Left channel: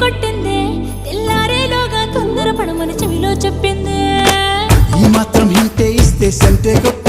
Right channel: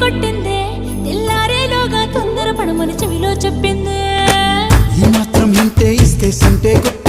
కొట్టిందే తెల్లారేలోగా తొందర పడమని చెవిలో చెప్పిందే ఈ మాత్రం ఇంతే ఇస్తే సంటే కొట్ట